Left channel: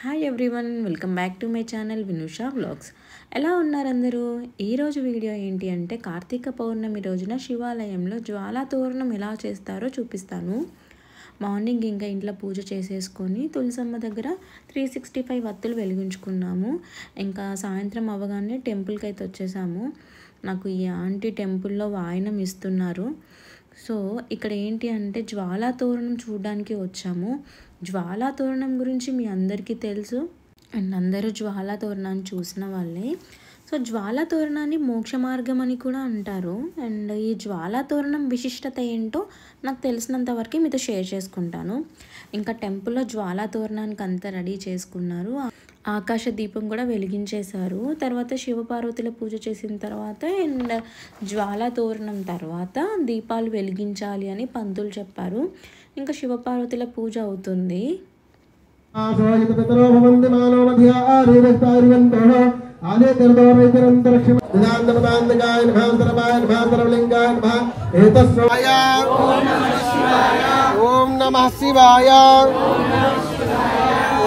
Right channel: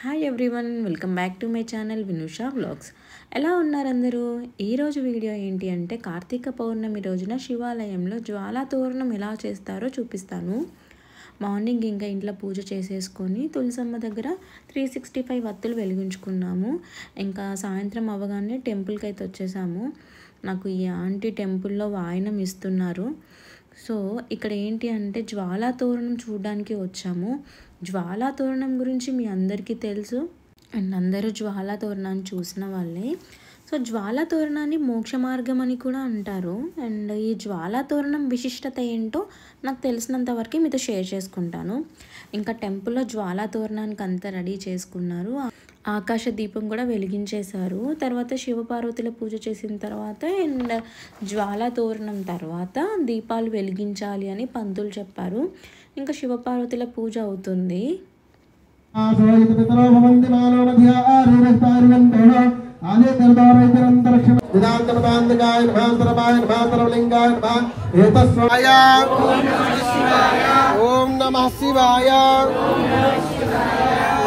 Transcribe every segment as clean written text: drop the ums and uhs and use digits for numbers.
Hi everyone, welcome back to my channel Vinusha vlogs. ఎలా ఉన్నారు అందరూ? ఈరోజు వీడియో ఏంటి అంటే కార్తీక పౌర్ణమి రోజున శివాలయంలో జ్వాలా తోరణం ఎలా చేస్తారో చూపిస్తాను. మార్నింగ్ ఇంకా ఇంట్లో పూజ చేసేసుకొని తులసమ్మ దగ్గర 365 వత్తులు వెలిగించుకున్నాము. ఇంకా సాయంత్రం అవ్వగానే టెంపుల్కి అయితే వచ్చేసాము. నాకు ఈ ఆంటీ టెంపుల్లో వాయనం ఇస్తున్నారు. సో ఇక్కడ ఏంటి అంటే జ్వాలా తోరణం చూడడానికి వచ్చాము. జ్వాలా తోరణం గురించి మీ అందరికీ తెలుసు అండ్ అందరూ జ్వాలా తోరణాన్ని చూసిన వాళ్ళే. సో జ్వాలా తోరణాన్ని మోక్ష మార్గం అని కూడా అంటారు. అండ్ ఈ జ్వాలా తోరణం విశిష్టత ఏంటో నాకు తెలిసినంత వరకు మీతో షేర్ చేసుకుంటాను. ఇంకా టెంపుల్లో జ్వాలా తోరణానికి అంతా రెడీ చేసుకున్నారు. ఆకాశ దీపం కూడా వెలిగించేశారు. తర్వాత శివపార్వతుల పూజ చేసిన తర్వాత అండ్ జ్వాలా తోరణం తర్వాత దీపాలు వెలిగించాలి అని పంతులు చెప్పారు. ఇంకా శివపార్వతుల పూజ అవుతుంది. ఓం నమః శివాయ.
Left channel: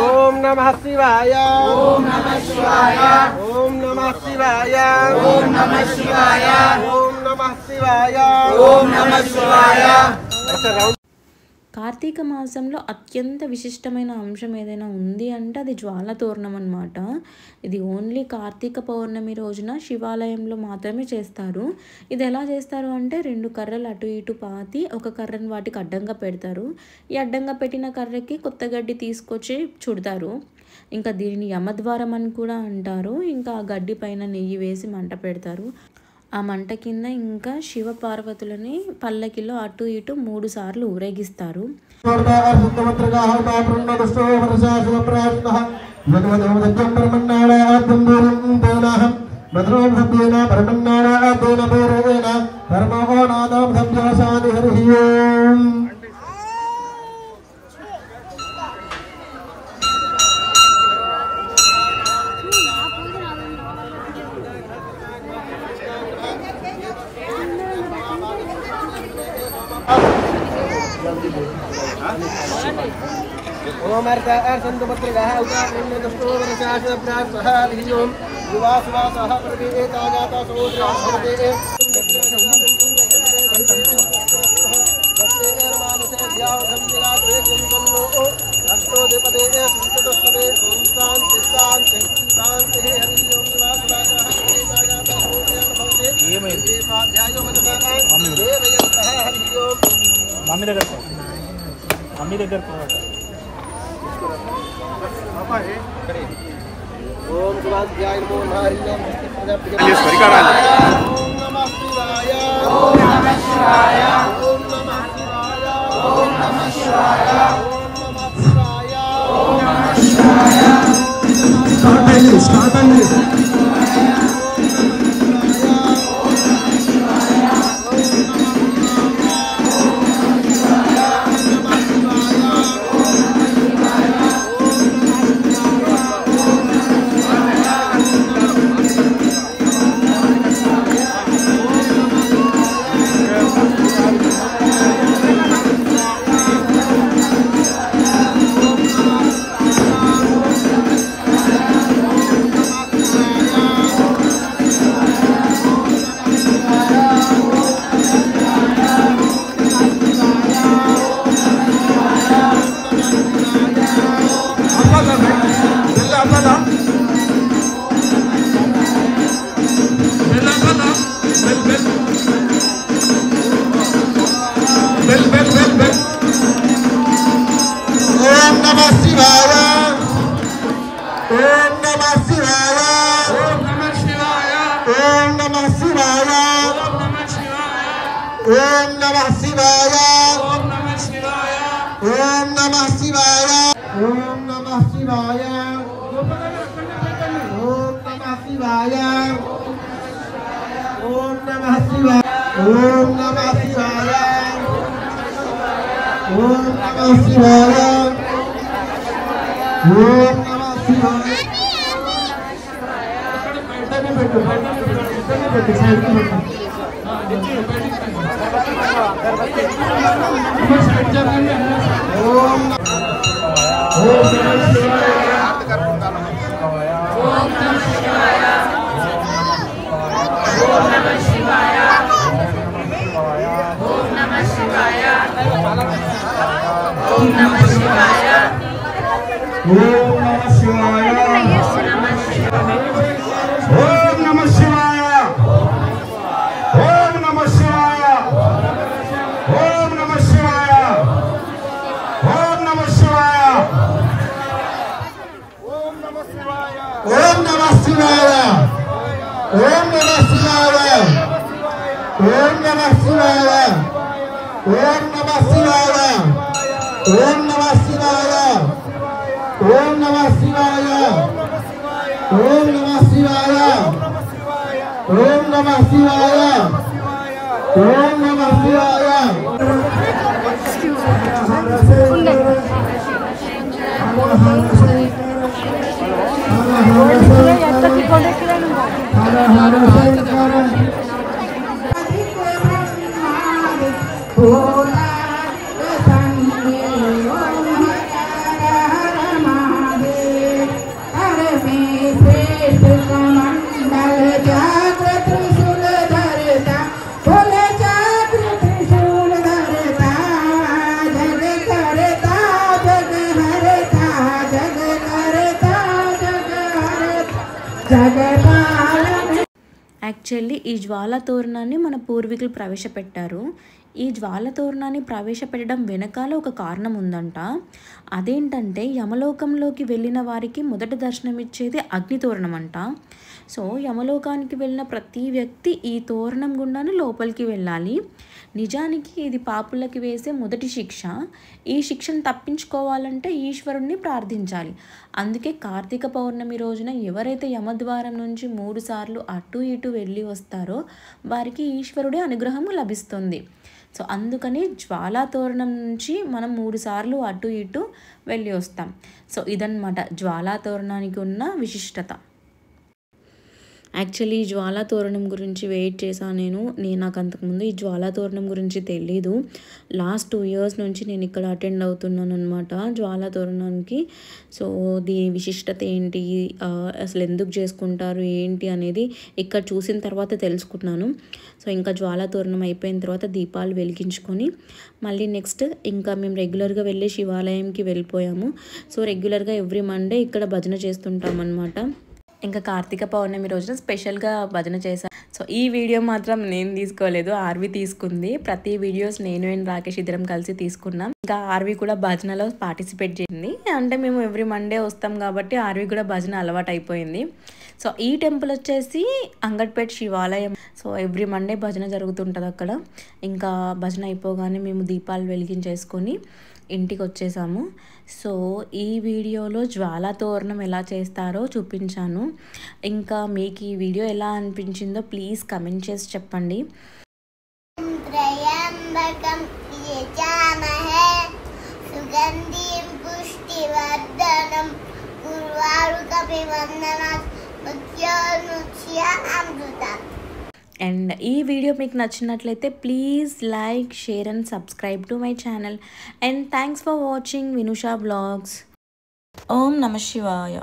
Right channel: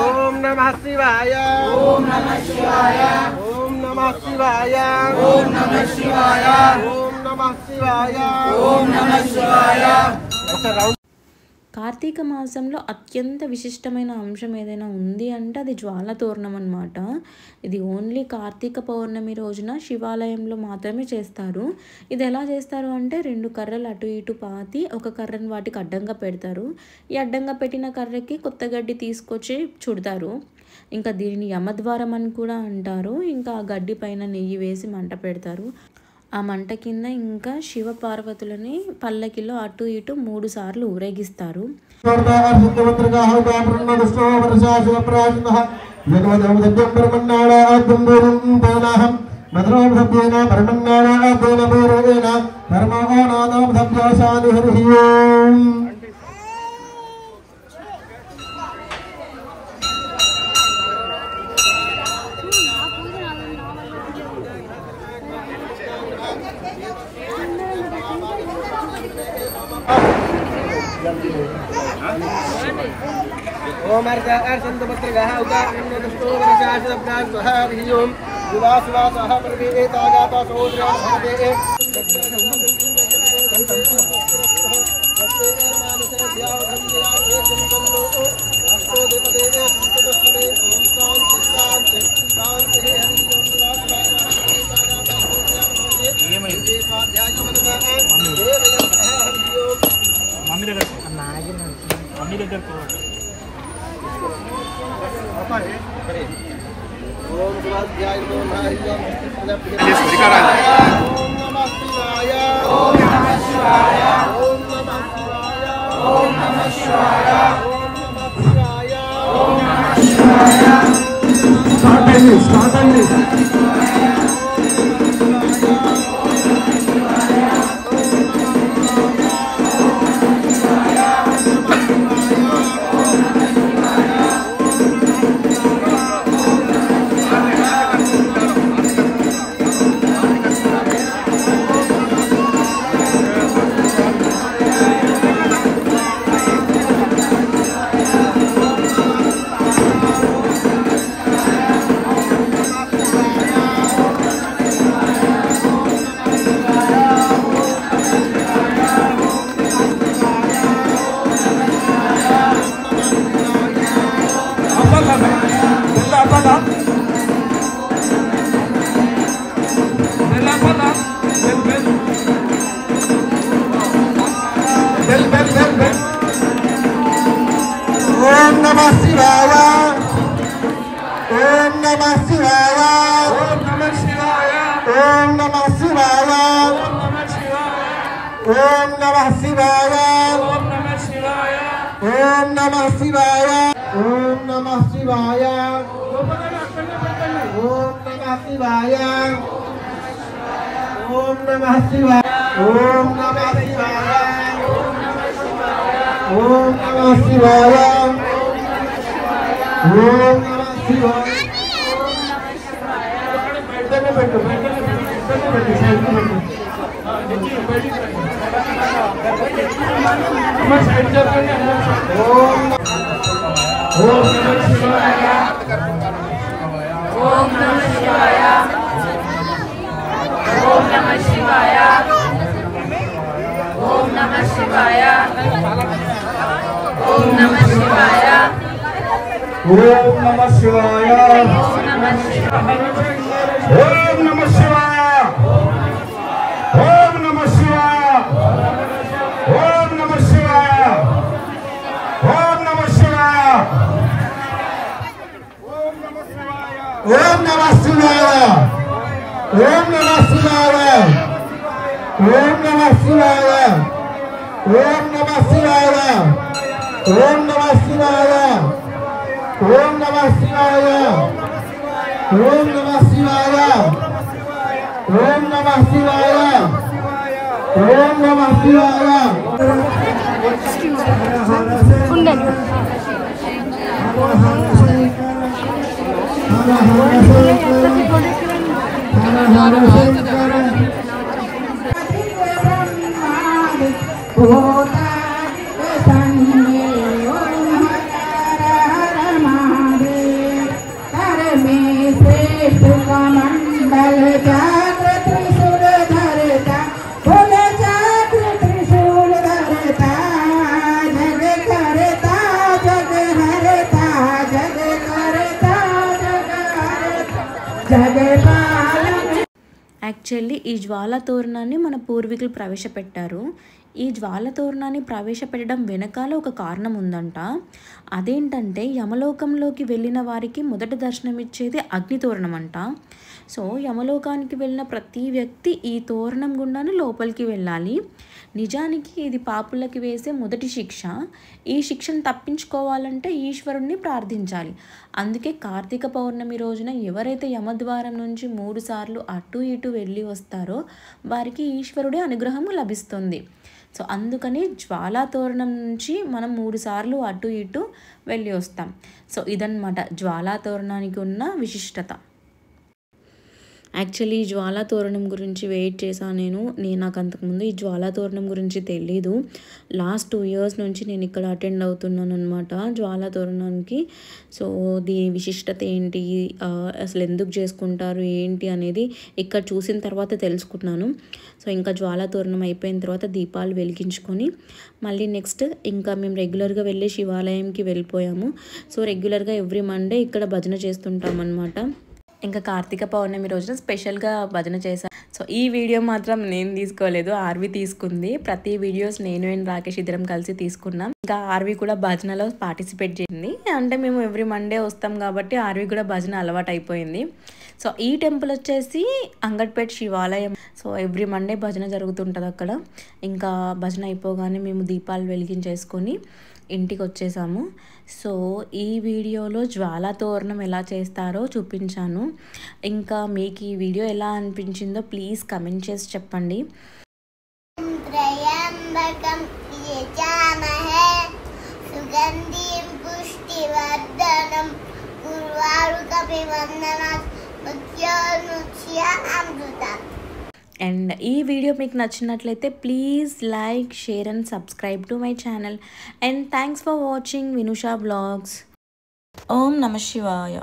ఓం నమః శివాయ. ఓం నమః శివాయ. ఓం నమః శివాయ. ఓం నమః శివాయ. ఓం నమః శివాయ. ఓం నమః శివాయ. కార్తీక మాసంలో అత్యంత విశిష్టమైన అంశం ఏదైనా ఉంది అంటే అది జ్వాలా తోరణం అన్నమాట. ఇది ఓన్లీ కార్తీక పౌర్ణమి రోజున శివాలయంలో మాత్రమే చేస్తారు. ఇది ఎలా చేస్తారు అంటే 2 కర్రలు అటు ఇటు పాతి ఒక కర్రను వాటికి అడ్డంగా పెడతారు. ఈ అడ్డంగా పెట్టిన కర్రకి కొత్త గడ్డి తీసుకొచ్చి చుడతారు. ఇంకా దీనిని యమద్వారం అని కూడా అంటారు. ఇంకా ఆ గడ్డి పైన నెయ్యి వేసి మంట పెడతారు. ఆ మంట కింద ఇంకా శివ పార్వతులని పల్లకిలో అటు ఇటు 3 సార్లు ఊరేగిస్తారు. ఓం అర్చంతు పత్రగః ఉగారణ్యదష్టో వరశాసన ప్రాస్వహరియోం యువాసువాసః పరవేతాగాత సోద్ర్యా భవతే ఓం శివాధ్యాయ నమో నారాయణ ఓం నమః శివాయ. ఓం నమః శివాయ. ఓం నమః శివాయ. ఓం నమః శివాయ. ఓం నమః శివాయ. ఓం నమః శివాయ. ఓం ఓం నమః శివాయ ఓం నమః శివాయ ఓం నమః శివాయ ఓం నమః శివాయ ఓం నమః శివాయ ఓం నమః శివాయ ఓం నమః శివాయ ఓం నమః శివాయ ఓం నమః శివాయ ఓం నమః శివాయ ఓం నమః శివాయ ఓం నమః శివాయ ఓం నమః శివాయ ఓం నమః శివాయ ఓం నమః శివాయ యాక్చువల్లీ ఈ జ్వాల తోరణాన్ని మన పూర్వీకులు ప్రవేశపెట్టారు. ఈ జ్వాల తోరణాన్ని ప్రవేశపెట్టడం వెనకాల ఒక కారణం ఉందంట. అదేంటంటే యమలోకంలోకి వెళ్ళిన వారికి మొదటి దర్శనం ఇచ్చేది అగ్ని తోరణం అంట. సో యమలోకానికి వెళ్ళిన ప్రతి వ్యక్తి ఈ తోరణం గుండానే లోపలికి వెళ్ళాలి. నిజానికి ఇది పాపులకి వేసే మొదటి శిక్ష. ఈ శిక్షను తప్పించుకోవాలంటే ఈశ్వరుణ్ణి ప్రార్థించాలి. అందుకే కార్తీక పౌర్ణమి రోజున ఎవరైతే యమద్వారం నుంచి 3 సార్లు అటు ఇటు వెళ్ళి వస్తారో వారికి ఈశ్వరుడి అనుగ్రహం లభిస్తుంది. సో అందుకని జ్వాలా తోరణం నుంచి మనం 3 సార్లు అటు ఇటు వెళ్ళి వస్తాం. సో ఇదన్నమాట జ్వాలా తోరణానికి ఉన్న విశిష్టత. యాక్చువల్లీ ఈ జ్వాలా తోరణం గురించి వెయిట్ చేశాను నాకు అంతకుముందు ఈ జ్వాలా తోరణం గురించి తెలీదు. లాస్ట్ 2 years నుంచి నేను ఇక్కడ అటెండ్ అవుతున్నాను అనమాట జ్వాలా తోరణానికి. సో దీని విశిష్టత ఏంటి, అసలు ఎందుకు చేసుకుంటారు ఏంటి అనేది ఇక్కడ చూసిన తర్వాత తెలుసుకున్నాను. సో ఇంకా జ్వాలా తోరణం అయిపోయిన తర్వాత దీపాలు వెలిగించుకొని మళ్ళీ నెక్స్ట్ ఇంకా మేము రెగ్యులర్గా వెళ్ళే శివాలయంకి వెళ్ళిపోయాము. సో రెగ్యులర్గా ఎవ్రీ మండే ఇక్కడ భజన చేస్తుంటాం అనమాట. ఇంకా కార్తీక పౌర్ణమి రోజున స్పెషల్గా భజన చేశాను. సో ఈ వీడియో మాత్రం నేను తీసుకోలేదు, ఆర్వి తీసుకుంది. ప్రతి వీడియోస్ నేను అండ్ రాకేష్ ఇద్దరం కలిసి తీసుకున్నాం. ఇంకా ఆర్వి కూడా భజనలో పార్టిసిపేట్ చేసింది. అంటే మేము ఎవ్రీ మండే వస్తాం కాబట్టి ఆర్వి కూడా భజన అలవాటు అయిపోయింది. సో ఈ టెంపుల్ వచ్చేసి అంగట్పేట్ శివాలయం. సో ఎవ్రీ మండే భజన జరుగుతుంటుంది అక్కడ. ఇంకా భజన అయిపోగానే మేము దీపాలు వెలిగించేసుకొని ఇంటికి వచ్చేసాము. సో ఈ వీడియోలో జ్వాలా తోరణం ఎలా చేస్తారో చూపించాను. ఇంకా మీకు ఈ వీడియో ఎలా అనిపించిందో ప్లీజ్ కమెంట్ చేసి చెప్పండి. అండ్ ఈ వీడియో మీకు నచ్చినట్లయితే please like, share and subscribe to my channel. And thanks for watching Vinusha vlogs. ఓం నమః శివాయ.